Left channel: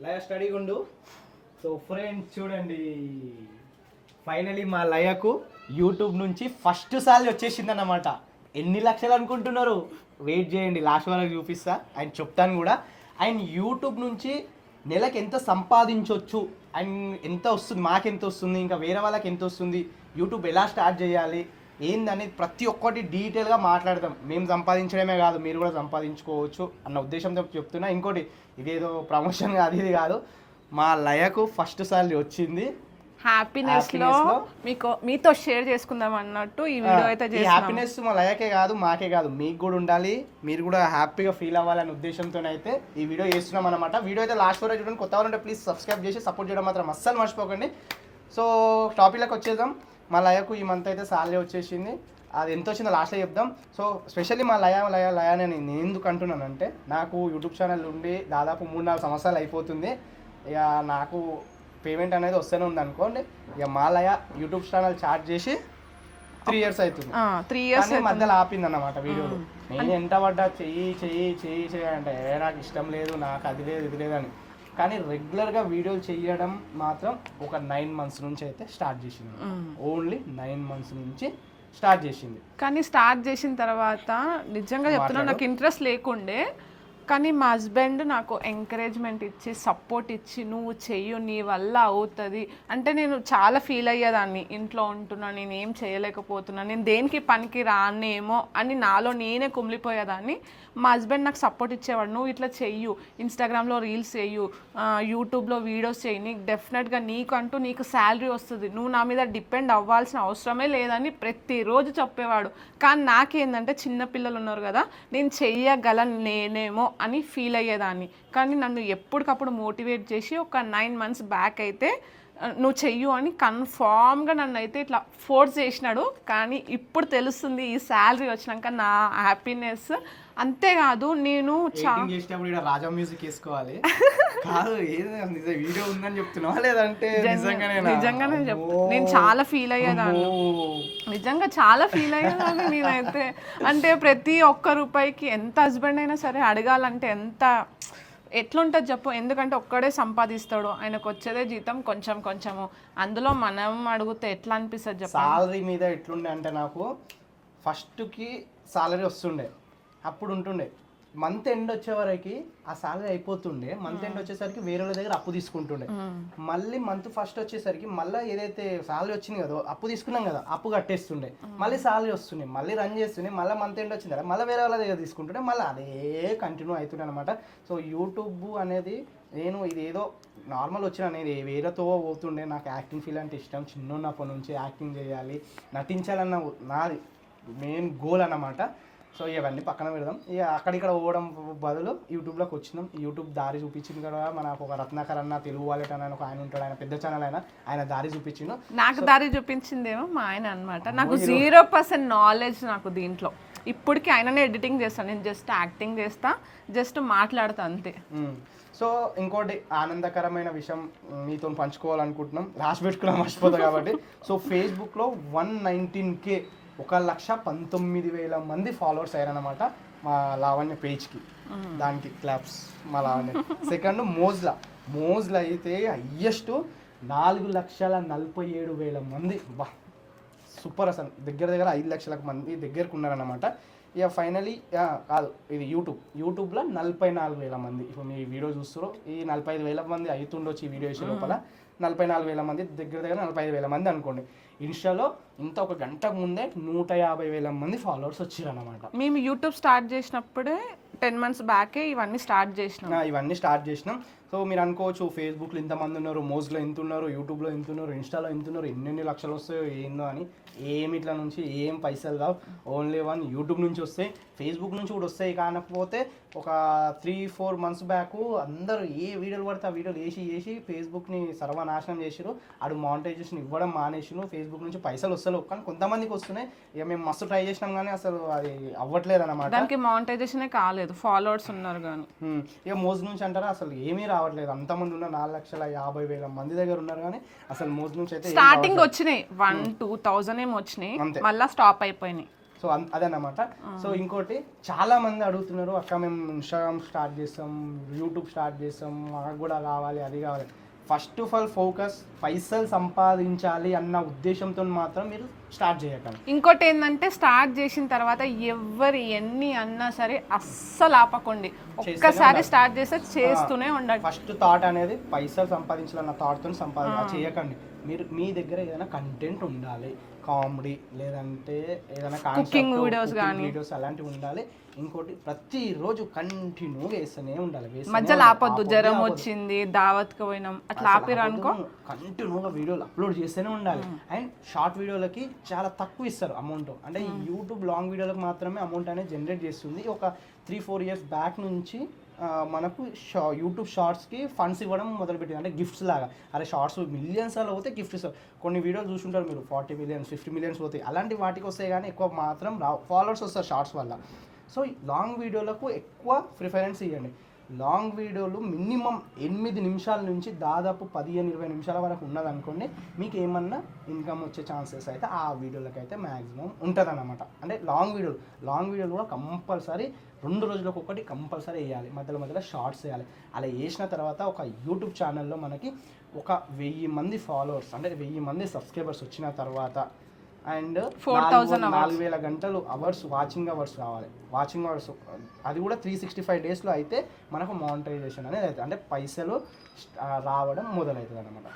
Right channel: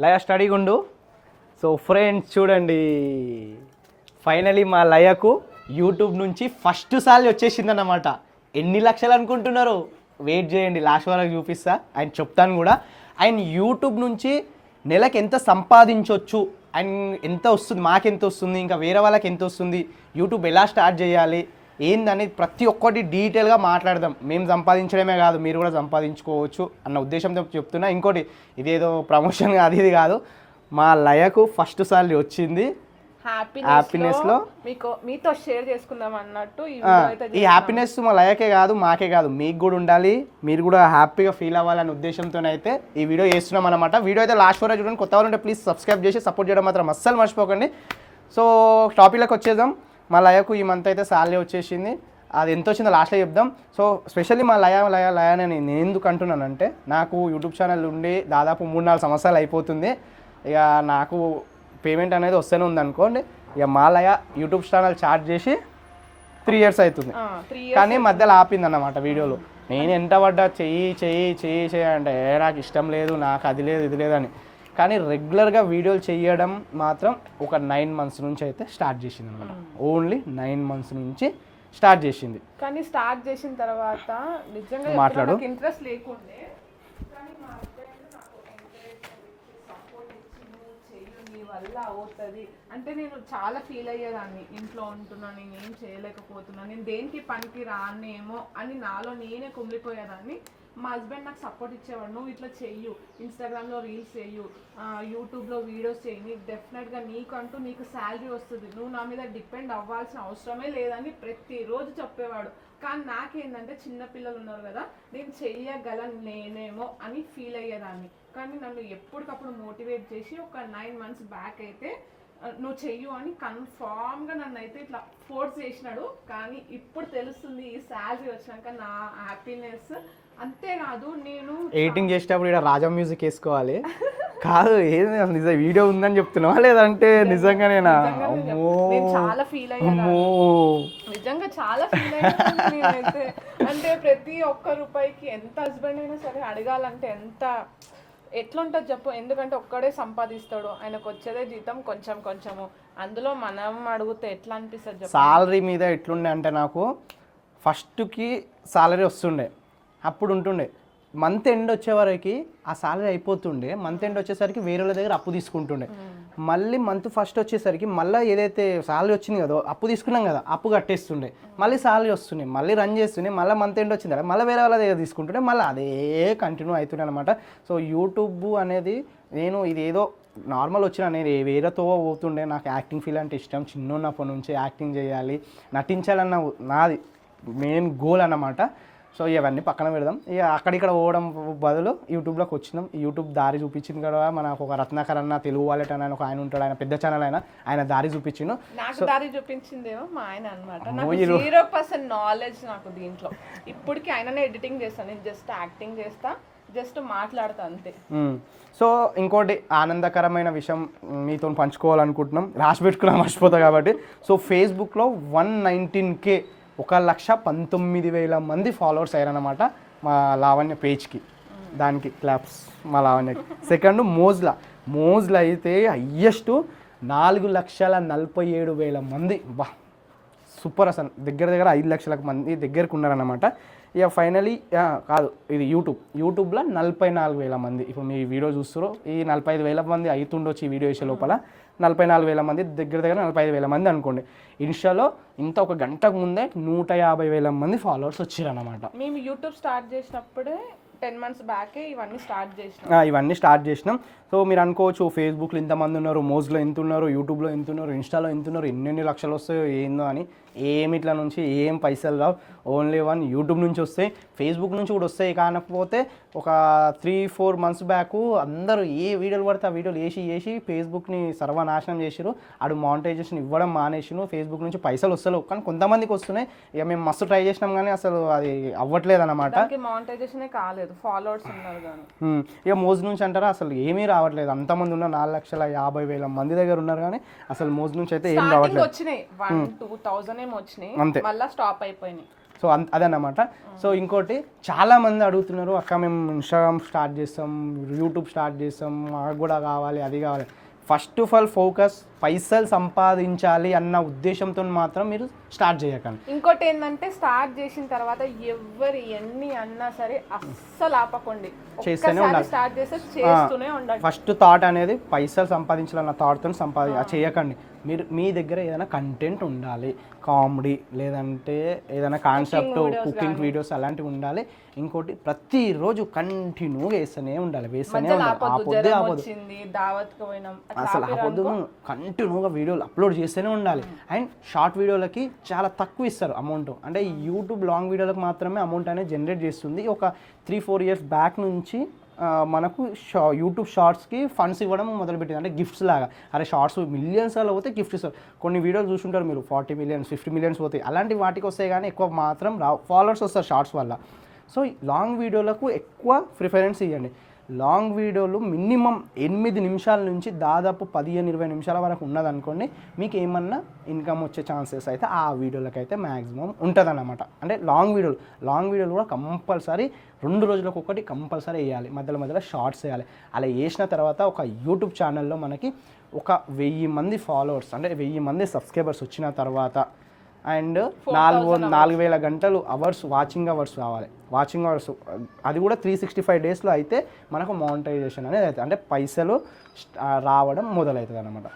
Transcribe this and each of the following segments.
లయ స్టడీగా ఉండు so friends చూడండి. ఫైనలీ మా లయకు యూట్యూబ్ నుంచి ఫస్ట్ సారి వచ్చేసిందన్నమాట. ఎన్ని లక్షలు అనుకుంటున్నారు? వెయిట్ చేయండి లాస్ట్ వరకు చూపిస్తా. ఆయన చెప్తాను కూడా. ఆయన యూట్యూబ్ నుంచి నెలకు ఎంత సంపాదించవచ్చు అండ్ ఎంత వస్తుంది? మాకెంత వస్తుంది? ఇంకా వేరే వాళ్ళకి ఎంత వస్తుంది? యూట్యూబ్ ఎలా స్టార్ట్ చేయాలి? ఏందని ప్రతి ఒక్కటి డీటెయిల్గా మాట్లాడదాం. మేము సంపాదించడమే కాదు మీరు కూడా సంపాదించుకోవచ్చు అన్న ఉద్దేశంతో చెప్తున్నా. ఇంకోటి ఇదేదో ప్రమోషన్ అది ఇది కాదు. మా లయకు ఫస్ట్ సాలరీ వచ్చింది. హ్యాపీనెస్లో మీకు మీతో షేర్ చేసుకుందాం అన్నట్టు ఈ వీడియో అయితే ఈ. హ్యాపీనెస్ మా లయకే కాదు మాకే కాదు మీకు కూడా ఉండాలి. మీరు కూడా హ్యాపీగా ఫీల్ అవ్వాలనే ఉద్దేశంతో అయితే ఈ వీడియో చేస్తున్నాం అనమాట వీడియో అయితే లాస్ట్ వరకు చూడండి. కొత్త వాళ్ళు ఉంటే ప్లీజ్ సబ్స్క్రైబ్ చేసి సపోర్ట్ చేయడం మాత్రం అస్సలు మర్చిపోకండి. సో టాపిక్లోకి వచ్చేద్దాం. మా లయకు ఈ మంత్ అయితే సాలరీ వచ్చేసింది. అది ఎంత వచ్చిందో లాస్ట్లో చెప్దాం. సో స్పెషల్లీ మా లయ లయ లయ అని నేను ఎందుకు అంటున్నానంటే నాకు యూట్యూబ్ ఛానల్ ఉండి దాదాపు మూడు నాలుగు సంవత్సరాలు అయిపోతుంది. ఇక నాకు పేమెంట్ అనేది వస్తూనే ఉంది అనుకోండి ఇక మా లయ యూట్యూబ్ ఛానల్ చార్జ్ చేసి త్రీ ఇయర్స్ అవుతుంది. కానీ మధ్యలో ఆపింది అన్నమాట వీడియోలో. నేను ఎంత పడ్డా చెయ్యి చెయ్యి చెయ్యి చెయ్యి అంటే "ఏ, నాకు ఇష్టం లేదు నాకు అది లేదు ఇది లేదని కానీ రెగ్యులర్గా వీడియోలు చేయడం మాత్రం ఒక నైన్ మంత్స్ నుంచి అయితే స్టార్ట్ చేసింది ఓన్లీ నైన్ మంత్స్ నుంచి స్టార్ట్ చేసింది. కానీ స్టార్ట్ చేసిన తర్వాత నిజంగా. నాకు ఇంట్రెస్ట్ లేకుండే కానీ మా హస్బెండ్ నాకు ఎంకరేజ్మెంట్ ఇచ్చి సపోర్ట్ ఇచ్చి నువ్వు చెయ్యు నీ వల్ల అవుతుంది. అంటే నేను చాలా ఫీల్ అయ్యేదాన్ని. ఇంట్లో ఉంటున్నా నేను ఏం చేయలేకపోతున్నా నేను దేనికి పనికి రానేమో అని నాలో నేనే కుమిలిపోయేదాన్ని. మా హస్బెండ్ నాకు సపోర్ట్ ఇచ్చేవాడు. నువ్వు ఇట్లా చెయ్యు ఇన్స్టాగ్రామ్లో రీల్స్ చెయ్యు యూట్యూబ్లో వీడియోస్ చెయ్యి. నీకు డెఫినెట్గా నీకు అంటూ నీకు శాలరీ వస్తుంది. నువ్వు నా మీద డిపెండ్ అవ్వాల్సిన అవసరమే లేదని ప్రతిరోజు చెప్పేవాడు. కానీ నాకేందంటే చిన్న పిల్లలు ఉన్నారు కదా నేను చెయ్యగలను నేనేమో అని ఫీల్ అయ్యేదాన్ని. కానీ నన్ను ఎప్పటికప్పుడు మోటివేట్ చేసి ఒక నైన్ మంత్స్ బ్యాక్ అయితే నువ్వు చెయ్యు అని కన్ఫామ్గా నన్ను అయితే ఇట్లా ఫోర్స్ చేసినాడు. కానీ ఇప్పుడు తెలుస్తుంది ఈ శాలరీ వచ్చినాక నా హ్యాపీనెస్. అంతేకాదు నేను ఎడిటింగ్ చేసేటప్పుడు ఇక్కడ రాజా మ్యూజిక్ వేసుకోవాలి. కాదు ఏది నిజం? వీడియో ఉందని చెప్తున్నావా లేదంటే నిజంగానే అమ్మో. నేను చాలా ఫీల్ అమ్మో. నిజంగా చాలా ఫీల్ అయ్యాను నేనైతే. అంటే ప్రతి ఒక్క రూపాయికి ఎంత హస్బెండ్ అయినా సరే అడగాలంటే ఎంత ఎట్లుంటుంది చెప్పు? ఎందుకంటే ఒక్కడే సంపాదిస్తాడు. ఆయనకు వచ్చేదే జీతం కొంచెం కొంచెము. అందులో మనం అడిగితే ఎట్లా అనిపిస్తుంది చెప్పు? సాలరీ మీద ఎట్లుండే అంటే నాకు ఫస్ట్కి సాలరీ వస్తుండే. అప్పుడు ఉంటుండే. మంత్ ఎండ్ వచ్చే వరకు ఆ సాలరీ అయిపోతుండే. మంత్ ఎండ్ వచ్చేసరికి వేరే వాళ్ళ దగ్గర అప్పు తీసుకుంటుండే. మళ్ళీ మంత్ ఫస్ట్ వచ్చేసరికి మళ్ళీ ఏదైతే సాలరీ వచ్చింది కదా అప్పు తీసుకున్నాం కదా అప్పు కట్టేస్తుండే. మళ్ళీ సాలరీ వస్తుంది మళ్ళీ రన్ చేస్తుండే మళ్ళీ మంత్ ఎండ్ వచ్చింది కదా మళ్ళీ వేరే వాళ్ళ దగ్గర తీసుకుంటుండే మళ్ళీ అదే కంటిన్యూ అవుతుండే అనమాట సో యూట్యూబ్ అనేది నేను ఇది ఏదో నార్మల్ వచ్చిన నేను వేరేతో పోతుండే. నాకు యాక్టింగ్ ఫీల్ అంటే ఇష్టం. చిన్న ఉన్నప్పటి నుంచి యాక్టింగ్ చేయాలి నటించాలన్న నాది మెయిన్ గోల్ అన్నమాట. సో ఇవన్నీ పక్కన పెడదాం. ఇక అక్కడిక్కడ పోవడం బదులు యూట్యూబ్లోకి వచ్చినాం. యూట్యూబ్ దారి చూపించింది కదా మనకు ఒక రత్నాకర్ అన్న తెలుగు వాలెట్ అని ఒక ఆయన ఉంటాడు ఆయన పెద్ద ఛానల్ ఆయన ఆయన దారి చూపించిండు. నాకు దారి చూపించిందేమో మా ఆయన అనమాట నాకు జీరో పర్సెంట్ నాలెడ్జ్ నాకు దీంట్లో. ఇప్పటికి ఆయననే ఎడిటింగ్ చేస్తాను నేను జస్ట్ యాక్టింగ్ చేస్తా జస్ట్ మాట్లాడతా అంతే. సో ఇంకోటి ఆనందకరమైన విషయం మీతో పంచుకోవాలనుకుంటున్నాం. రాసి పెట్టుకున్నా మర్చిపోతా కాబట్టి. సో ఫేస్బుక్లో వన్ నైన్టీన్ కే ఒక లక్ష పంతొమ్మిది వేల మంది ఫాలోవర్స్ అయ్యారనమాట మా లావణ్య పేజ్కి. దానికి క్లాప్స్ మా లావణ్యకి సెకండ్ మోజ్లా. మోజ్లా అయితే హయ్యెస్ట్ నాలుగు లక్షల నలభై ఏడు వేల మంది. బా సూపర్ అసలు. దగ్గర దగ్గర ఐదు లక్షల మంది దగ్గరకు ఉన్నారన్నమాట. ఇక ఫైనలీ కాదు ఇది యూట్యూబ్. యూట్యూబ్లో నలభై నాలుగు వేల మంది. ఇప్పుడు మీ వీడియో చూస్తారో ఈ నలభై ఐదు వేల మంది అవుతుండొచ్చు ఈ వీడియో వేసే లోపల. నలభై నాలుగు వేల మంది దగ్గర దగ్గర నలభై ఐదు వేల మంది అనుకోండి. ఇన్స్టాలో ఇంత ఒక గంటకు ముందే నూట యాభై వేల మంది ఫాలోవర్స్ వచ్చారన్నమాట. మేము యూట్యూబ్ స్టార్ట్ చేసినప్పుడే టెన్ మంత్స్ బ్యాకే ఇవన్నీ స్టార్ట్ చేసినాం. ఇవన్నీ స్టార్ట్ చేసినాం. సో మీరు అనుకోవచ్చు ఫేస్బుక్లో ఇంతమంది ఉన్నారు మోజ్లో ఎంత ఉన్నారు యూట్యూబ్లో ఎంత ఉన్నారు ఇన్స్టాలో ఎంత ఉన్నారు ఎన్నెన్ని లక్షలు వస్తాయో ఏందో అని ఏమి ఇట్లా నుంచి ఏం పైసలు రావు. ఓన్లీ వన్ యూట్యూబ్ నుంచి వస్తాయి. ఫేస్బుక్ నుంచి కూడా వస్తాయి. కాకపోతే ఒక త్రీ ఫోర్ మంత్స్ బ్యాక్ అందరూ ఏ వీడియోలు పడితే ఆ వీడియోలు వేసి వేసి ఫేస్బుక్ని సర్వనాశనం చేసిరు ఆడు మానిటైజేషన్ ఇవ్వడం మానేసిను ఫేస్బుక్ నుంచి పైసలు వస్తలేవు. కానీ కొంతమందికి వస్తున్నాయి. ఇక మేము మస్తు ట్రై చేసినాం కానీ అసలు అది అవ్వట్లేదు అనమాట మానిటైజేషనే కాలేదు. ఫాలోవర్స్ ఉన్నారు కానీ ఇక మోజ్ నుంచి అంటారా? అసలు ఏమీ రావట్లేదు. అంతమంది ఉన్న నాలుగు లక్షల యాభై వేల మంది దగ్గర ఉన్నారు కానీ అసలు మోజ్ నుంచి అయితే స్టార్టింగ్ వచ్చినాయి. వన్ టూ థౌజండ్ ఏమో వచ్చినాయి. మళ్ళీ స్టాప్ అయిపోయినాయి. సో అదన్నమాట. సో ఇంకోటి చాలా మంది అడుగుతున్నారు అక్క మేము ఇన్స్టాగ్రామ్ స్టార్ట్ చేస్తాం యూట్యూబ్ స్టార్ట్ చేస్తాం మాకు కూడా కావాలి అది కావాలి. ఫస్ట్ ఆఫ్ ఆల్ ఫోకస్ పైసలు సంపాదించాలి అన్న ఉద్దేశంతో మాత్రం మీరు స్టార్ట్ చేయకండి. ఇంకోటి ఏంటంటే స్టార్ట్ చేసిన తర్వాత ఎవరు ఎన్ని అన్నా సరే అస్సలు ఆపకండి. ఒక్కసారి స్టార్ట్ చేస్తే చేస్తూనే ఉండండి. ఫస్ట్ థాట్ అనేది పైసలు సంపాదించాలన్న థాట్తో సంపాది చేయకండి. మీరు మీ దగ్గర ఏదైనా కంటెంట్ ఉండాలి. కామెడీ లేదంటే ఏదైనా కాన్సెప్ట్ కుకింగ్ వీడియోస్ అలాంటివి ఉండాలి. ఇంకోటి ప్రతిరోజు కంటిన్యూగా వేస్తూనే ఉండాలి. కంటిన్యూగా వీడియోలు అప్లోడ్ చేస్తూనే ఉండాలి. అండ్ షార్ట్ వీడియోలకి చాలా తక్కువ ఇస్తారు అమౌంట్ అంటే యూట్యూబ్ లాంగ్ వీడియోలకు మాత్రమే అమౌంట్ అనేది జనరేట్ చేస్తుంది. ఒక త్రీ ఫోర్ ఇయర్స్ బ్యాక్ నుంచి మనకు షా యూట్యూబ్ షార్ట్స్కి ఫండ్స్ ఇవ్వడం మొదలుపెట్టింది. అంటే గిఫ్ట్స్ లాగా. అరే షార్ట్స్ మిలియన్స్ అలా పోతే గిఫ్ట్ ఇస్తారు. కొన్ని వీడియోలు చూస్తుంటారు మీరు ఫార్టీ మిలియన్స్ ఫిఫ్టీ మిలియన్స్ పోతాయి. అలాంటి వాటికి వస్తాయి కానీ ఎక్కువ మాత్రం రా ఫాలోవర్స్ వస్తారు షార్ట్స్ వల్ల. సో లాంగ్ వీడియోలకు ఎక్కువ ప్రిఫరెన్స్ ఇవ్వండి. లాంగ్ వీడియోలు మినిమం ఎనిమిది నిమిషాల నుంచి దాదాపు పదిహేను ఇరవై నిమిషాల వరకు ఉన్నదనుకోండి మీకు ఏమన్నా ఇన్కమ్ వచ్చే ఛాన్సెస్ అయితే ఆ వీడియోలకైతే మ్యాక్సిమం ఉంటుందన్నమాట. అంటే లాంగ్ వీడియోలు లాంగ్ వీడియోలు కూడా కంపల్సరీ రెండు రోజులకు ఒకటి కంపల్సరీ వేయాలి. మధ్యలో మధ్యలో షార్ట్స్ వేయాలి. అలా వేసిన తర్వాత ఒక యూట్యూబ్ ఛానల్లో మనకి ఒక వెయ్యి మంది ఫాలోవర్స్ అంటే వెయ్యి మంది సబ్స్క్రైబర్స్ వచ్చిన తర్వాత అండ్ నాలుగు నాలుగు వేల గంటలు అవర్స్ వాచింగ్ అవర్స్ రావాలి వాచింగ్ అవర్స్ అది కూడా త్రీ సిక్స్టీ ఫైవ్ డేస్లో అయితే మనకు మోనిటైజేషన్ అనేది అవుతుంది. అంటే పైసలు రావడం మొదలవుతుంది అనమాట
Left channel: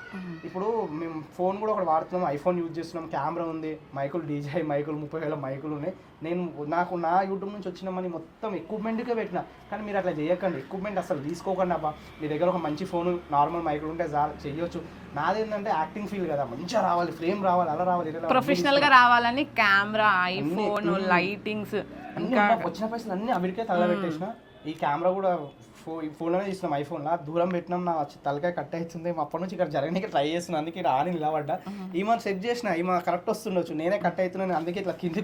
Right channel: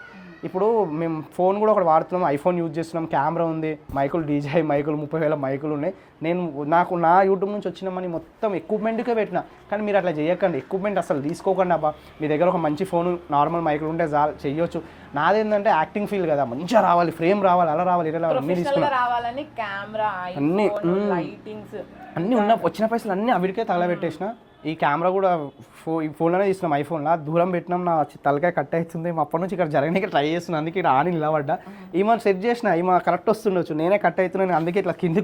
ఇప్పుడు మేము ఫోన్ కూడా ఒకటి వాడుతున్నాం ఐఫోన్ యూజ్ చేస్తున్నాం కెమెరా ఉంది మైకులు డీజే మైకులు ముప్పై వేల మైకులు ఉన్నాయి. నేను నాకు నా యూట్యూబ్ నుంచి వచ్చిన మనీ మొత్తం ఎక్విప్మెంట్కే పెట్టిన. కానీ మీరు అట్లా చేయకండి. ఎక్విప్మెంట్ అసలు తీసుకోకండి అబ్బా. మీ దగ్గర ఒక మంచి ఫోన్ నార్మల్ మైకులు ఉంటే చాలు చెయ్యొచ్చు. నాదేంటంటే యాక్టింగ్ ఫీల్ కదా. మంచిగా రావాలి ఫ్రేమ్ రావాలి అలా రావాలి ఇలా రావాలి అన్నీ ప్రొఫెషనల్గా రావాలని కెమెరా ఐఫోన్ లైటింగ్స్ అన్నీ ఉన్న వచ్చిన పైసలు అన్నీ అవిడికే తగలబెట్టేసిన ఈ కెమెరా కూడా ఫో ఈ ఫోన్లోనే తీసినాం ఐఫోన్లో. దూరం పెట్టినాం నా తలకాయ కట్ అవుతుంది అప్పటి నుంచి ఇక్కడ జరగడానికి ట్రై చేస్తున్నాను అందుకే ఇక్కడ ఆని నిలబడ్డా ఈమె సెట్ చేసిన ఈమె కరెక్ట్ వస్తుండొచ్చు. నేనే కట్ అవుతున్నాను అందుకే ఇట్లా కింది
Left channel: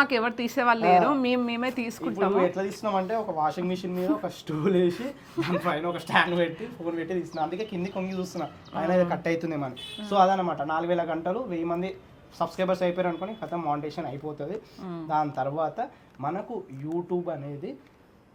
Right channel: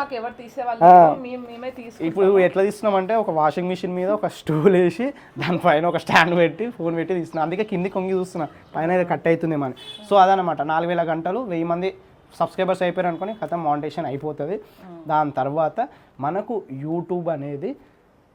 మాకు ఎవరు తీసేవాళ్ళు మేము ఇప్పుడు ఎట్లా తీస్తున్నాం అంటే ఒక వాషింగ్ మిషన్ మీద ఒక స్టూల్ వేసి దానిపైన ఒక స్టాండ్ పెట్టి ఫోన్ పెట్టి తీస్తున్నా. అందుకే కింది కొంగి చూస్తున్నా. పైన కట్ అవుతుంది మన సో అదనమాట నాలుగు వేల గంటలు వెయ్యి మంది సబ్స్క్రైబర్స్ అయిపోయారు అనుకుని కథ మానిటేషన్ అయిపోతుంది. దాని తర్వాత మనకు యూట్యూబ్ అనేది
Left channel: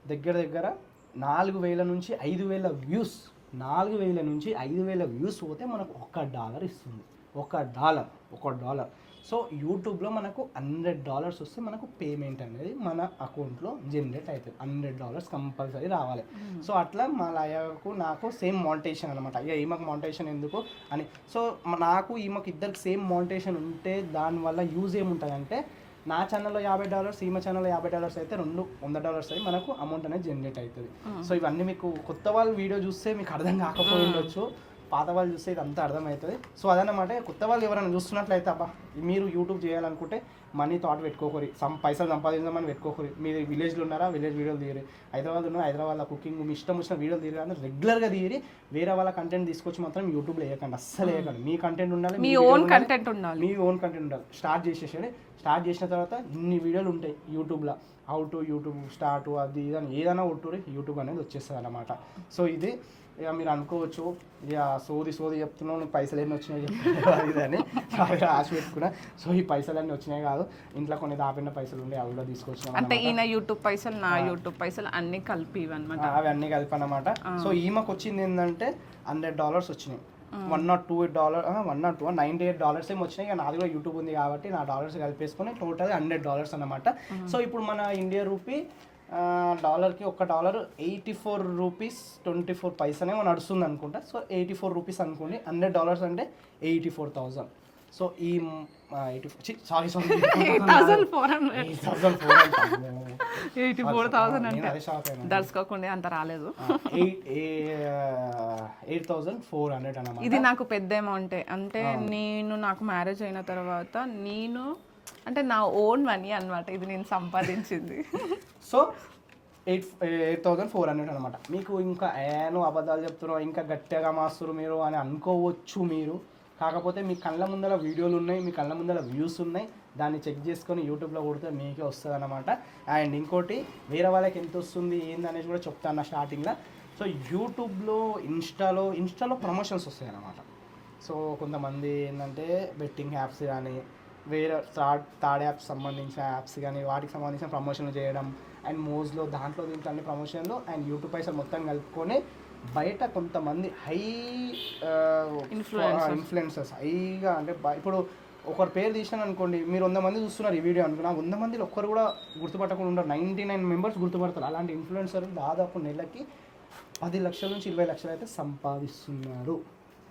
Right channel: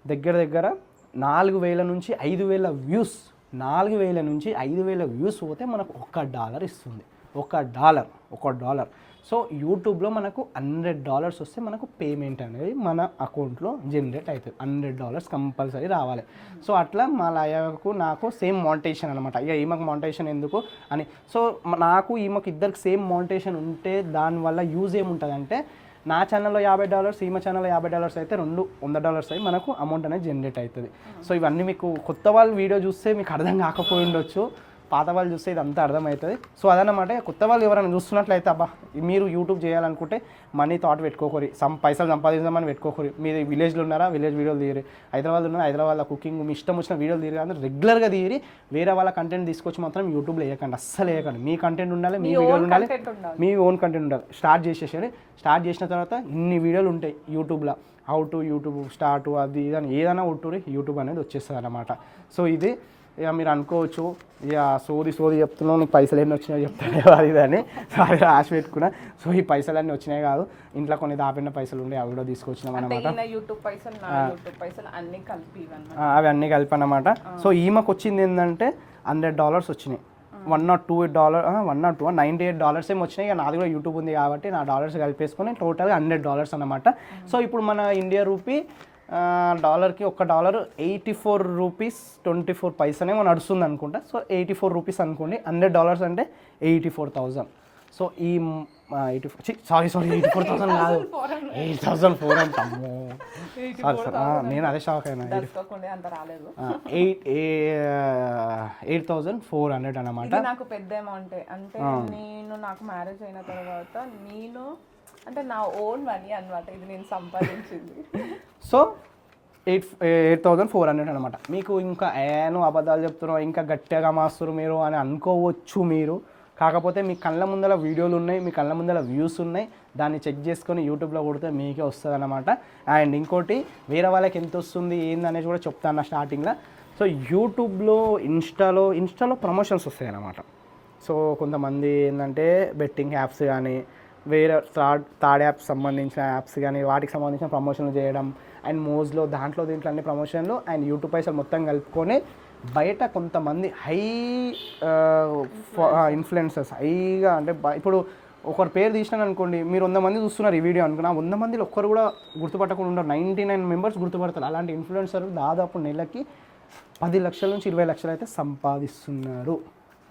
దగ్గర దగ్గర నాలుగు వేల నుంచి ఐదు వేల వ్యూస్ నాలుగు వేల నుంచి ఐదు వేల వ్యూస్ పోతే మనకు ఒక డాలర్ ఇస్తుంది. ఒక డాలర్ ఒక డాలర్. సో యూట్యూబ్లో మనకు హండ్రెడ్ డాలర్స్ వస్తే మనకు పేమెంట్ అనేది మన అకౌంట్లో జనరేట్ అవుతుంది. హండ్రెడ్ డాలర్స్ కంపల్సరీ రావాలి. సో అట్లా మా లయకు నాకు సేమ్ మోనిటేషన్ అనమాట ఇక ఈమెకు మోనిటేషన్ ఎందుకు? అని. సో నాకు ఈమెకు ఇద్దరికి సేమ్ మోనిటేషన్ ఉంటే దానివల్ల యూజ్ ఏముంటుందంటే నా ఛానల్లో యాభై డాలర్స్ ఈమె ఛానల్లో యాభై డాలర్స్ అయితే రెండు వంద డాలర్స్ అయ్యి మనకు అమౌంట్ అనేది జనరేట్ అవుతుంది. సో ఇవన్నీ మీకు కొత్త వాళ్ళు వీడియో చూస్తే మీకు అర్థం కాకపోయి ఉండొచ్చు. పాత వాళ్ళు చూస్తే ఇదంతా అర్థమవుతుంది. సో అదనమాట కొత్త వాళ్ళు ఎవరైనా చూస్తున్నట్లయితే అబ్బా మీరు యూట్యూబ్ చేయాలనుకుంటే మనీ థాట్ పెట్టుకోకరి. సమ్ పైసలు సంపాదించమని పెట్టుకోకరి. మీరు విలేజ్లో ఉన్నారా? విలేజ్ వీడియోలు తీయరు. హైదరాబాద్ ఉన్నా హైదరాబాద్లో కుకింగ్ మీ ఇష్టం వచ్చిన వీడియోలు తీయరు. అంటే రెగ్యులర్గా తీయరి. వేరే వాళ్ళ కంటెంట్ తీసుకొచ్చి మాత్రం యూట్యూబ్లో వేయకండి. అస్సలు వేయకండి. మీ కంటెంట్ ఉండాలి మీ ఓన్. కంటెంట్ ఉండాలి మీ ఓన్ కంటెంట్ ఉండాలి. స్టార్ట్ చేసేసారి స్టార్ట్ చేసిన తర్వాత ఇన్ని వీడియోలు ఉంటాయి యూట్యూబ్లో హౌ టు యూట్యూబ్ స్టార్ట్ అది ఇది అని ఏదైనా ఉంటురి యూట్యూబ్ అనేది వచ్చేస్తుంది అనమాట సో ఇది ఇక మీరు అనుకోవచ్చు ఇక సోది సోది చెప్తున్నావు నీకు పైసలు ఎన్ని వచ్చినాయి చెప్తాను అని. సో అది రాసి పెట్టుకున్నా. సో ఈ పైసలు అన్నీ వచ్చినాయి కాదు. ఇంట్లో కొన్ని దాపిన పైసలు ఉండే అవి కూడా తీసుకొచ్చినాం యూట్యూబ్ పైసలు నా యూట్యూబ్ పైసలు అన్ని కలిపి అవి అన్నీ కలిపి అనమాట సో ఈమెకు వచ్చింది ఏంటంటే హండ్రెడ్ డాలర్స్ వచ్చినాయి. One naught two eight dollar one naught two ninety eight dollars ఏమి వచ్చినాయి. నాది కూడా యూట్యూబ్ ఉంది కాబట్టి నా డాలర్స్ కలిపేసుకుని టోటల్ హండ్రెడ్ డాలర్స్ అనమాట సో ఇప్పుడు మన ఇండియా రూపీ డాలర్కి ఒక dollar eighty four rupees twenty four పైసనేమో నడుస్తుంది అనుకుంటా. సో ఎయిటీ ఫోర్ రూపీస్ అనుకోండి. హండ్రెడ్ డాలర్స్ అంటే ఎయిటీ ఫోర్ థౌజండ్ సో ఈ eighty four sorry sorry eighty four thousand eight thousand four eighty four thousand నేను అదే shock అయినా. దర్శకోకుండా అంత రాలేదు. Eight eight thousand four hundred అనమాట ఇది నాకు పెద్ద అమౌంట్ అంటే నేను నాకు మ్యారేజ్ అయిన తర్వాత నేను అంటే నా ఓన్ మనీ అన్నమాట. ఇది నేను సంపాదించింది. So eight eight thousand four hundred అనమాట మీకు ఇంకా ఏను అబద్ధాలు చెప్తున్నారు ఇంకా గట్టిగా మాస్తారు మీరు అని అనుకోవచ్చు మీరు. కాకపోతే మీ కళ్ళ ముందర వీడియోలు ఉన్నాయి మీ కళ్ళ ముందర వ్యూస్ ఉన్నాయి. దాన్ని చెక్ చేసుకొని యూట్యూబ్లో కొడితే మీకే వస్తుంది అనమాట అండ్ ఇంకోటి వేరే వాళ్ళకి ఎంత వస్తుంది ఏందనేది కూడా చెప్తాను స్టార్టింగ్లో సో యూట్యూబ్లో ఇన్స్టాలో ఇన్స్టాలో ప్రమోషన్స్ వస్తాయి అన్నమాట. సో కొంతమంది ఏంటంటే బెట్టింగ్ యాప్స్ కానీ వేరే థర్డ్ థర్డ్ యాప్స్ సంబంధించిన యాప్స్ కానీ వాటికి సంబంధించిన ప్రమోషన్లు చేయడం అండ్ మోజ్లో దాంట్లో దీంట్లో అన్ని ప్రమోషన్లు అండ్ యూట్యూబ్ పైసలు మొత్తం కలుపుకొని బయట కొంతమంది హై ఇన్ఫ్లుయెన్సర్స్ హైగా అంటే ఇప్పుడు ఒకరి పేరు తీసినాను అనుకోండి మీరు వంద మంది చూస్తున్నారు ఈ వీడియో అనుకున్నా వంద మందిలో ఒక్కరు కూడా గుర్తుపట్టకుండా ఉండరు. నైంటీ నైన్ మెంబర్స్ గుర్తుపడతారు. అలాంటి ఇన్ఫ్లుయెన్సర్ దాదాపు నెలకి పది లక్షల నుంచి ఇరవై లక్షలు అయితే సంపాదిస్తున్నారు.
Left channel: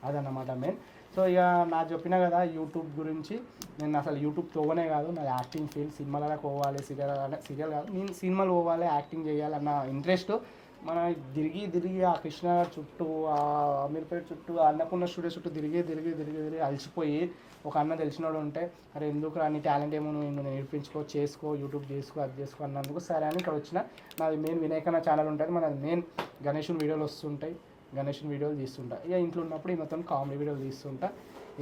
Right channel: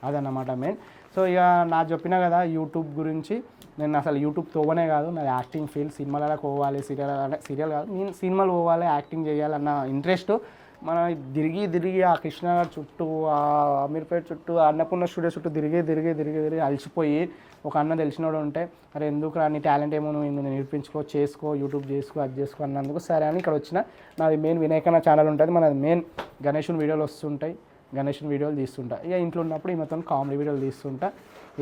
అదన్నమాట మెయిన్ సో ఇక నా చెప్పినా కదా యూట్యూబ్ గురించి. నేను అసలు యూట్యూబ్ తోవనే కాదు నా యాక్టింగ్ ఫీల్డ్ సినిమాలలో పోవాలి సీరియల్ అంటే సీరియల్ కాదు నేను సినిమాలు పోవాలి యాక్టింగ్ చేయాలన్న ఇంట్రెస్ట్ మనం తిరిగి తిరిగి ఆ కృష్ణనగర్ చుట్టూ ఆ అమీర్పేట చుట్టూ అన్నపూర్ణ స్టూడియో చుట్టూ తిరిగి తిరిగి తిరిగి తిరిగి అలసిపోయి ఒక అన్న తెలిసినోడు ఉంటే అరే ఎందుకు రా నీ టాలెంట్ ఏమో నువ్వు నువ్వు నేర్పించుకో చేసుకో యూట్యూబ్ చేసుకో అది చేసుకో అన్నందుకు సరే అని ఇక్కడ వచ్చిన నాది మెయిన్ వినాయకన్న ఛానల్ ఉంటుంది. మనది మెయిన్ గణేషుని వీడియోలు వస్తుంటాయి. గణేష్ వీడియోలు తీస్తుంటా. ఇక ఇంట్లో ఉన్నప్పుడు ఈ మొత్తం కామెడీ వీడియోలు తీస్తుంటా.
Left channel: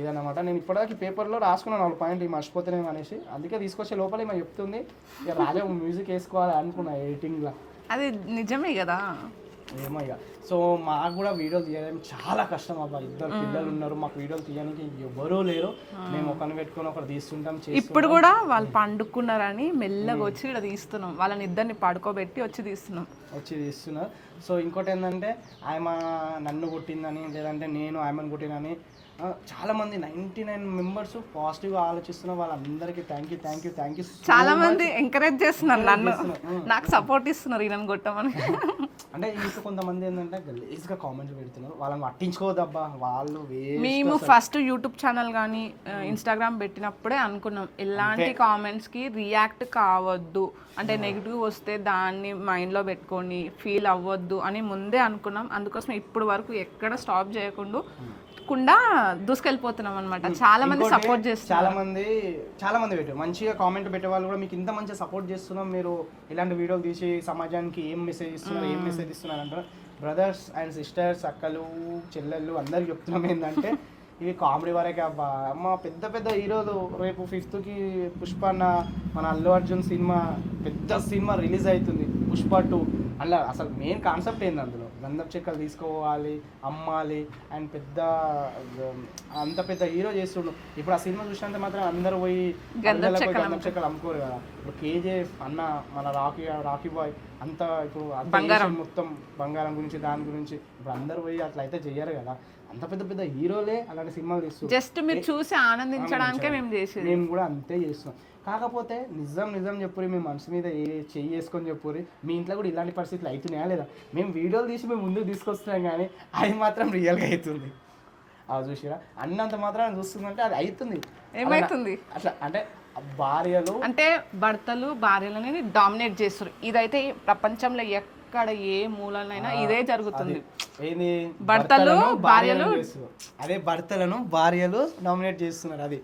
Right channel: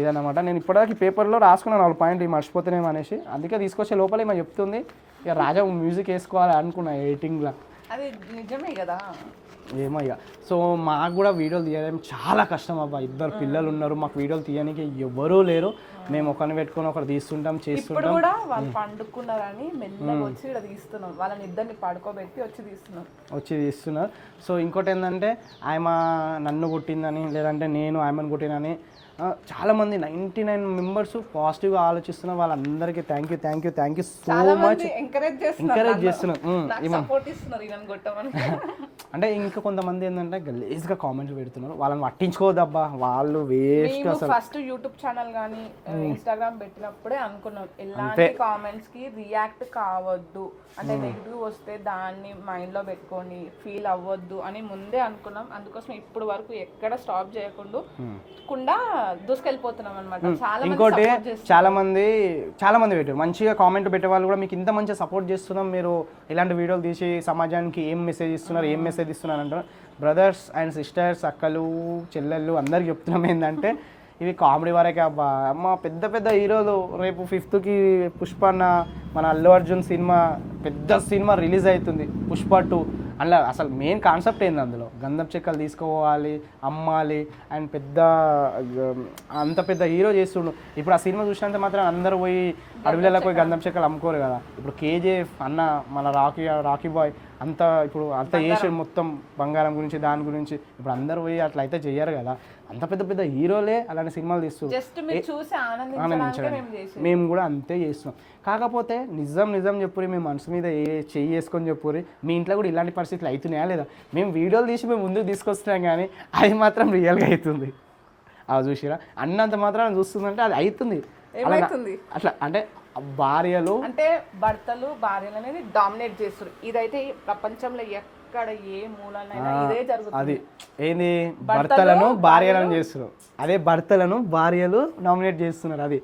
ఇదన్నమాట. నేను ఇప్పటిదాకా పేపర్లో రాసుకున్నాను నాలుగు పాయింట్ ఇవి మర్చిపోతున్నాం అనేసి. అందుకే తీసుకొచ్చే లోపల ఏమో చెప్తుంది ఇక రాజా మ్యూజిక్ వేసుకోవాలి అనుకున్నా ఎడిటింగ్లో. అది నిజమే కదా. ఏమయ్యా సో మాకు కూడా వీడియోలు తీయడం చాలా కష్టం అబ్బా. ఇద్దరు పిల్లలు ఉన్నారు మాకు వీడియోలు తీయడానికి ఎవరూ లేరు. మేము. ఒకరిని పెట్టుకొని ఒకరు తీస్తుంటాం ఇప్పుడు కూడా వాళ్ళు పండుకున్నారని మెల్లగా వచ్చి ఇక్కడ తీస్తున్నాం. వాళ్ళని ఇద్దరిని పడుకోబెట్టి వచ్చి తీస్తున్నాం. వచ్చి తీస్తున్నారు. సో ఇంకోటి ఏంటంటే ఆమె నన్ను కొట్టిందని లేదంటే నేను ఆమెను కొట్టినని ఆ, చాలా మంది నైంటీ నైన్ మెంబర్స్ పాజిటివ్గా ఆలోచిస్తున్నారు వాళ్ళందరికీ thank you thank you thank you చాలా మంది ఎంకరేజ్ చేస్తున్నారు నాకు సపోర్ట్ ఇస్తున్నారు ఈయన కొట్టమని. అంటే ఇంకా కొంతమంది ఏంటంటే గలీజ్గా కామెంట్లు పెడుతున్నారు. వాళ్ళని పట్టించుకోవద్దబ్బా. వాళ్ళు మేము ఫస్ట్ యూట్యూబ్ ఛానల్ కానీ ఇన్స్టాగ్రామ్ పెట్టినప్పుడే అనుకున్నాం. ఎలాంటి కామెంట్స్కి రియాక్ట్ కావద్దు. అంటే నెగిటివ్ వస్తే దాన్ని మైండ్లో పెట్టుకొని ఫీల్ అవ్వద్దు అని ముందే అనుకున్నాం. అందుకోసం ఇప్పుడు వరకు ఎక్కడ స్టాప్ చేయకుండా కుండా దూసుకెళ్ళిపోతున్నాం అనమాట చాలా మంది సపోర్ట్ చేస్తారు చాలా మంది చాలా మంది పెట్టారు. మంచిగా కామెంట్ పెట్టే వాళ్ళు కూడా మీకు ఇంత మంచిగా సపోర్ట్ చేస్తున్నాం మీరు ఇలాంటి వీడియోలు తీసి సమాజానికి ఏం మెసేజ్ ఇస్తున్నారు ఏం మెసేజ్ ఇస్తున్నారు అంటారు. బ్రదర్స్ అండ్ సిస్టర్స్ అక్కలు చెల్లెళ్ళు అందరికి చెప్తున్నాం ఏంటంటే ఇవి కామెడీ వరకే అబ్బా. అమ్మ పెద్ద పెద్ద హీరోలు రేపు ఫిఫ్త్కి పుష్ప అన్న మన అల్లు అర్జున్ సినిమా పెద్ద సినిమా రిలీజ్ అవుతుంది పుష్ప టూ అలా అసలు మెయిన్ కాన్సెప్ట్ ఏంది అందులో? గంధం చెక్కలు తీసుకోవాలి అమ్మాలి అండ్ పెద్ద అంత పెద్ద హీరో చేస్తుండు. ఇప్పుడు ఆ సినిమా చూసినంత మాత్రం అందరూ పోయి అడవిలో పోయి గంధం చెక్కలు అమ్ముకోరు కదా. ఇప్పుడు కేజీఎఫ్ అన్న మన రాకీ రాకీ బాయ్ అంత ఇప్పుడు అంత చేసి మొత్తం బంగారం గురించి దాని గురించి. ఇప్పుడు అందరూ పోయి అట్లా అయితే చెయ్యరు కదా. అంత పెద్ద పెద్ద హీరోలే అలాంటి సినిమాలు తీస్తారు జస్ట్ మీరు చూసి ఆనందించడానికే మేము చేసేది. మేము కూడా అంతే చేస్తున్నాం కాకపోతే నిజం నిజం చెప్పురి మీ మనసు మీద ఏ చెయ్యి వేసుకొని చెప్పురి మీ ఇంట్లో కూడా ఇలాంటి పరిస్థితులు అవుతున్నాయా లేదా? మేము వీడియోలు తీసి మేము ముందుకు తీసుకొస్తున్నాం కానీ అది మాత్రం రియల్గా అవుతుంది. అది చూసిరా? అన్నంత మాత్రం చూస్తుందంటే అది అవుతుంది. ఏమైతుంది? అట్లా అంటే భార్యలు అంటే భర్తలు భార్యలని డామినేట్ చేస్తారు. ఇదైతే ప్రపంచంలో ఎక్కడ ఏ మూలనైనా ఇదే జరుగుతుంది. ఏంది? భర్తలు, భర్తలను భార్యలను భార్యలు- చేస్తున్నారు. అదే భర్తలను భార్యలు నామినేట్ చేస్తున్నారు. అది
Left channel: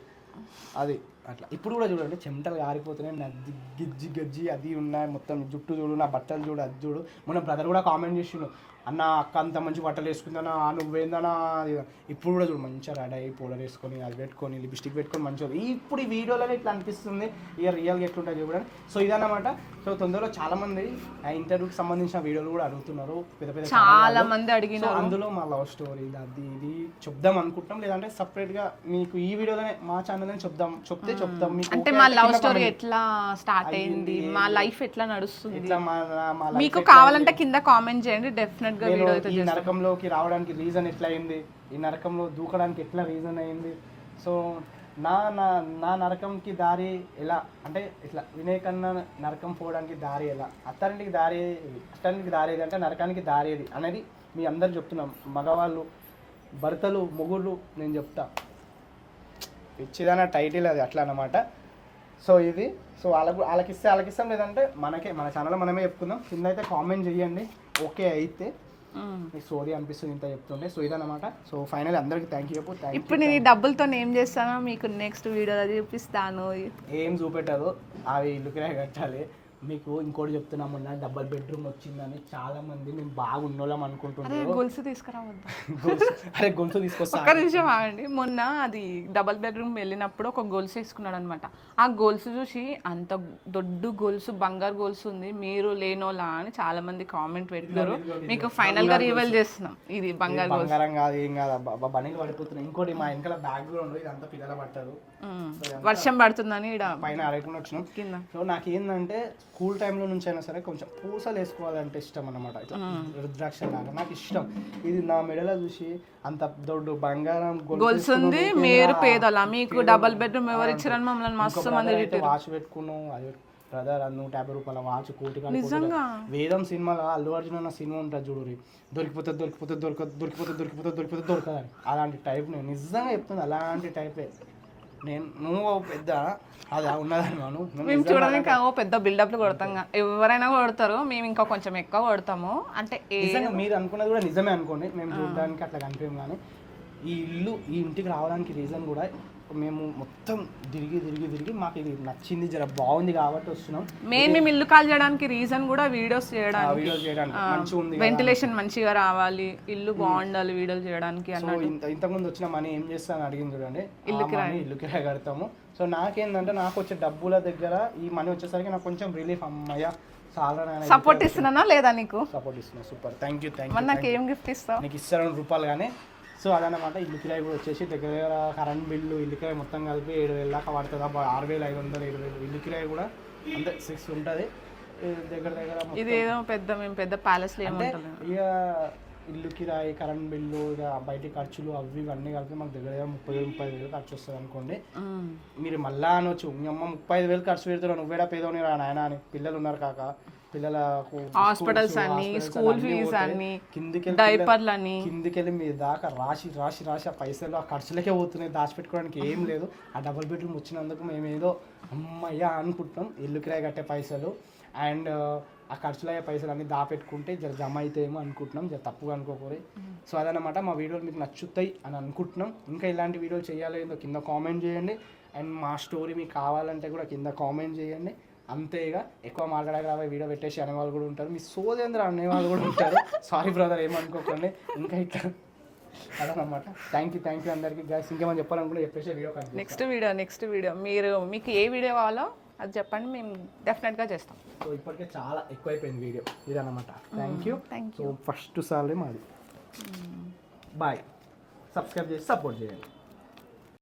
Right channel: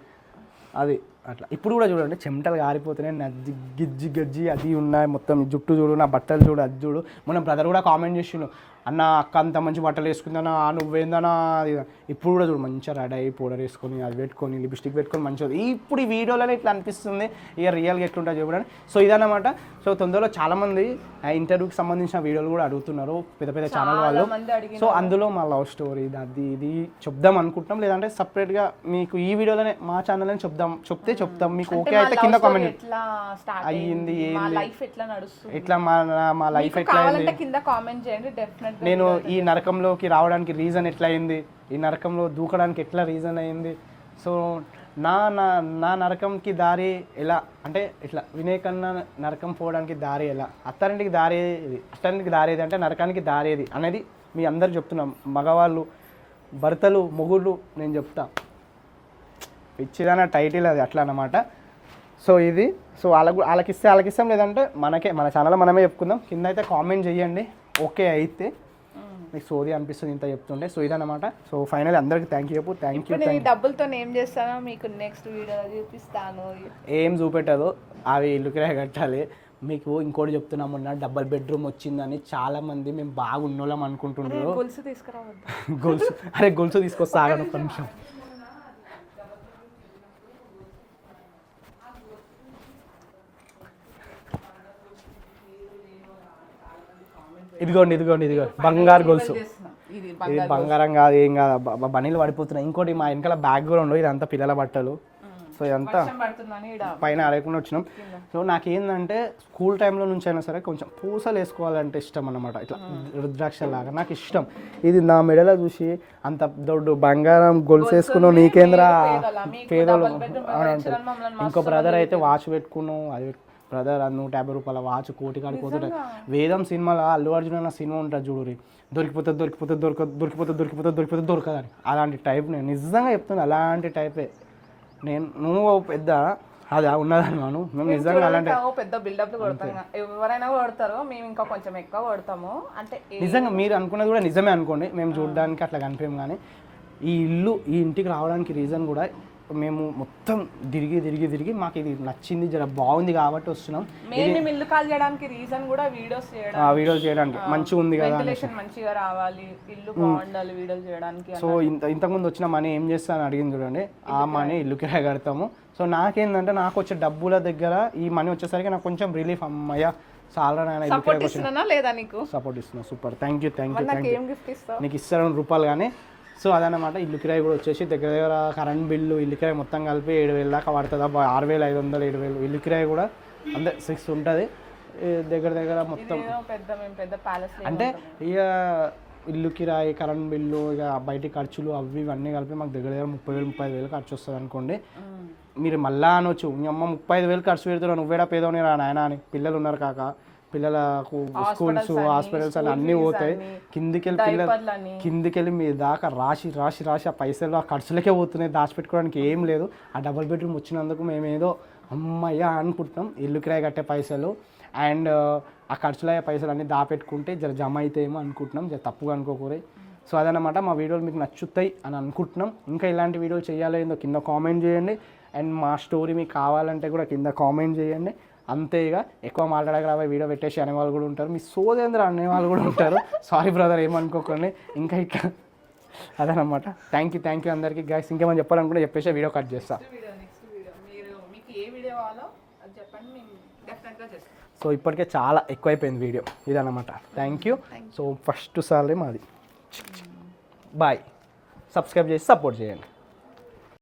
అది అట్లా. ఇప్పుడు కూడా చూడండి చెమటలు కారిపోతున్నాయి నజ్జి గిజ్జి గజ్జి అది ఉన్నాయి మొత్తం. జుట్టు చూడు నా బట్టలు చూడు అది చూడు. మన బ్రదర్ కూడా కామెంట్ చేసిండు. అన్న అక్క అంత మంచి బట్టలు వేసుకుందానా నువ్వేందనా అది ఇది." ఇప్పుడు కూడా చూడు మంచిగా రెడీ అయ్యి పౌడర్ వేసుకొని అది పెట్టుకొని లిప్స్టిక్ పెట్టుకొని మంచిగా ఇప్పుడు ఈ వీడియోలో ఇట్లా అనిపిస్తుంది ఇక రియల్గా ఎట్లుంటుంది చూడండి. సో ఇదన్నమాట. సో తొందరలో చాలా మంది ఆ ఇంటర్వ్యూకి సంబంధించిన వీడియోలు కూడా అడుగుతున్నారు. పెద్ద పెద్ద చాలా మంది అడిగిన సో అందులో మా లవ్ స్టోరీ అది ఇది చెప్దాం అనుకుంటున్నాం. లేదంటే separate గా మీకు ఈ వీడియోలోనే మా ఛానల్ చెప్దాం చెప్తే చెప్తాం. మీకు అంటే మా లవ్ స్టోరీ ఎట్లా స్టార్ట్ అయింది మా లైఫ్ ఎట్లా నడుస్తుంది? ఇట్లా మా మా లైఫ్ కావాలంటే కింద కామెంట్ చేయండి డెఫినెట్గా నేను ఈ నరకంలోకి రావడానికి రీజన్ ఎట్లా అయింది ఈ నరకంలో దూకడానికి ఎట్లా రీజన్ అయింది? సో నా నా నా నరకంకి దారి ఎలా? అంటే ఇట్లా వినేకన్నా నరకం పోవడానికి దారి ఎలా? అత్తారింటికి దారి అత్తారింటికి దారి ఏది అంటే నరకానికి దారి ఏది అనేది మీ అందరు చెప్తున్నాం. మగవాళ్ళు భర్తలు మొగుళ్ళు నేను చెప్తా. ఇచ్చిదన్న టైటిల్ అది అట్లా అన్నమాట. సో ఇది సో వాళ్ళకు వాళ్ళకి ఇస్తే వాళ్ళకి ఇస్తాం లేదంటే మనకే మన ఛానల్లో మనమే చెప్పుకుందాం. కింద అయితే కామెంట్ చేయండి. ఓకే అయితే మీకు సోది అనిపిస్తుంది ఇంత చెప్తుంటే సో ఇదన్నమాట సో ఫైనల్ అందరికి థ్యాంక్ యూ చెప్పు థ్యాంక్ ఇప్పుడు నేను ఈ డబ్బులతో ఏం చేస్తానో మీకు నెక్స్ట్ వీడియోలో చూపిస్తాను. ఏం చూపెట్టదు అవి ఇల్లు కిరాయి కట్టాలి. మీకు ఇంకోటి చెప్తున్నాం మొన్న డబల్ బెడ్రూమ్ వచ్చిందని చాలా మంది మేము బాగా ఉన్నోళ్ళం అనుకుంటున్నారు. గొలుసు తీసుకురావద్దు. గొలుసు అరే గొలుసు తీసుకొస్తా ఒక్క నిమిషం ఆగండి. మొన్న అది డబల్ బెడ్రూమ్ వెళ్ళినప్పుడు ఒక గొలుసు వేసుకున్నాడు అనమాట ఆ గొలుసు చూసి అంత దొడ్డు గొలుసు బంగారు గొలుసు ఉంది మీరు లేనోలా అని చాలా మంది కామెంట్ ఇదిగోండి ఇదిగోండి చేస్తున్నాం. ఇది బంగారు కాదు ఏం కాదు. బనీలు పడిపోతున్నాయి. ఇంకోటి మా వెనకాల బ్యాక్ గ్రౌండ్ ఇదంతా పిల్లల బట్టలు. సో వర్షం పడుతుందని పైన అడగకుండా వచ్చినాం. సో నాకేందంటే స్కూల్ టైంలో నుంచి అయినా సరే కొంచెం పూసలు వేసుకోవాలంటే ఇష్టం అన్నమాట. ఇట్లా రుద్రాక్ష లాగా నాకు ఇష్టం. ఇది నా మెడలో చూసి అంత దొడ్డు బంగారం గొలుసు వేసుకున్నావు నీకేంద్రా? బ్రదర్ అయితే వాచ్ పెట్టుకున్నావు అది బ్రదర్ నూట యాభై రూపాయల వాచ్ కోటి వేదం సినిమాలో అల్లు అర్జున్ అన్న సినిమా ఉంటుంది చూడు దొరికిపోతే దొరికిపోతే దొరక దొరికిపోతే దొరికిపోతే దొరికిపోతే దొరకదని. అలాంటి టైప్ నేను నిజంగా చెప్తాను అలాంటి టైపే నేను నువ్వు పెద్ద అది ఉన్నదన్నాను. పెద్ద బిల్డప్లు కొడతాం. ఎవరైనా కొడతారు మేము ఇంకా కొంచెం ఎక్కువ కొడతాము. అంటే నిజంగా మీరు అనుకున్నది కూడా నిజమే అనుకోండి. మేము చూడడానికి అట్లా కనిపించాం కానీ ఈ ఇల్లు ఈ ఇంటికి రావడానికి రీజన్ కూడా మేము మొత్తం తిరిగి తిరిగి తిరిగి మాకు ఇది నచ్చింది జర బాగుంది కాబట్టి వస్తున్నాం. మేము ఇల్లు కాల్ చేయడానికి రీజన్ కూడా వీడియోస్ ఆ చేయడానికి. వీడియో చేయడానికి మంచిగా ఉంది కదా వెంటిలేషన్ మంచిగా రావాలి ఇల్లు బాగుండాలి వీడియోలు చేయడానికి సో ఇంత ఇంతకుముందు వచ్చిన మనీ ఏం చేస్తాను అడిగింది చూడండి. ఆ మనీ ఇల్లు కిరాయి కడతాము. సో నాకేందంటే నాకు వచ్చే డబ్బుల దగ్గర ఈ మనీ వచ్చేసరికి నాకు కొంచెం రిలీఫ్ అమ్మయ్య సపోర్ట్ ఇస్తున్నానా లేదా నీకు? సపోర్ట్ ఇస్తున్నా super thank you thank you నాకు ఏం గిఫ్ట్ ఇస్తావు? నీకు ఇస్తాను రూపాయలు కానీ సో అదనమాట ఇల్లు కిరాయి కూడా వచ్చేసి దగ్గర దగ్గర కరెంట్ బిల్లు ఇల్లు కిరాయి మొత్తం కలిపి ఏడు వేలు దాకా పడుతుంది. అబ్బా ఆరు వేలు ఐదు వందలు ఏడు వేలు. ఇల్లు కిరాయి కూడా అంతే సిక్స్ ఉంటుంది. దగ్గర దగ్గర ఇదేదో పెద్ద మేము పెద్ద ప్యాలెస్ అంటే ఇక ఇల్లు కిరాయి కరెంట్ బిల్లు ఇక బయట ఖర్చులు అవి ఇవన్నీ కలిపి మాకు దగ్గర దగ్గర ముప్పై వేలు ముప్పై ఐదు వేలు ఖర్చు వస్తుంది అనుకోండి. మీరు మళ్ళా అనొచ్చు. మీ అమ్మ ముప్పై ఐదు వేలు ఖర్చు పెడుతున్నావు నువ్వేడా పేదోని రా నాయన అని. పిల్లలు ఉన్నారు కాక. పిల్లలకు హాస్పిటల్స్ అన్నీ పోతాయి. కిందికి కిందికి వెళ్ళి మీ దాకా రాసి రాసి రాసి ఆ పైసలు ఆ ఖర్చులకే పోతున్నాయి. దాచిపెట్టుకోవడానికి ఏం లేదు. ఆ డబుల్ బెడ్రూమ్ వచ్చినందుకు మేము ఏదో అమ్మయ్య అనుకుంటున్నాం. ఇల్లు కిరాయి కట్టే పైసలు అండ్ ఆ ఖర్చులు అయ్యే పైసలు అన్నీ దాపెట్టుకుంటే జర జమ అవుతాయేమో అనుకుంటున్నాం. జర తప్పుగా అనుకోకూడదు. సో అదనమాట మా వీడియోలు మీకు నచ్చుతాయి అని అనుకుంటున్నాం. ఇంకా ఇలాంటి వీడియోలు చేయాలో ఏందో కింద కామెంట్ చేయండి. అండ్ మా స్టోరీ మీకు కావాలంటే కూడా కింద కామెంట్ చేయండి. అంతే ఇక. ఎక్కువ మాట్లాడక రాబోయే వీడియో పెట్టేసి అనేవాళ్ళు కూడా ఉంటారు. మీ సోదేంద్ర అనేవాళ్ళు కూడా ఉంటారు. సారీ బ్రదర్ ఏమనుకోకండి. ఇంకా ఇక అదనమాట. థ్యాంక్ యూ థ్యాంక్ యూ అందరికీ. గైస్ ఇంకేమని చెప్పాలనుకుంటే చెప్పేసి వీడియో కట్ చేస్తాం. నెక్స్ట్ వీడియో నెక్స్ట్ వీడియో మీరు మీకు ఏ వీడియో కావాలో అది చెప్పండి. మేము డెఫినెట్గా చేస్తాం. సో ఇప్పటికే చాలా ఎక్కువైపోయింది వీడియో ఇదన్నమాట థ్యాంక్ యూ సో ఫస్ట్ సార్లే మాది. బాయ్ సబ్స్క్రైబ్ చేసి సపోర్ట్ చేయండి.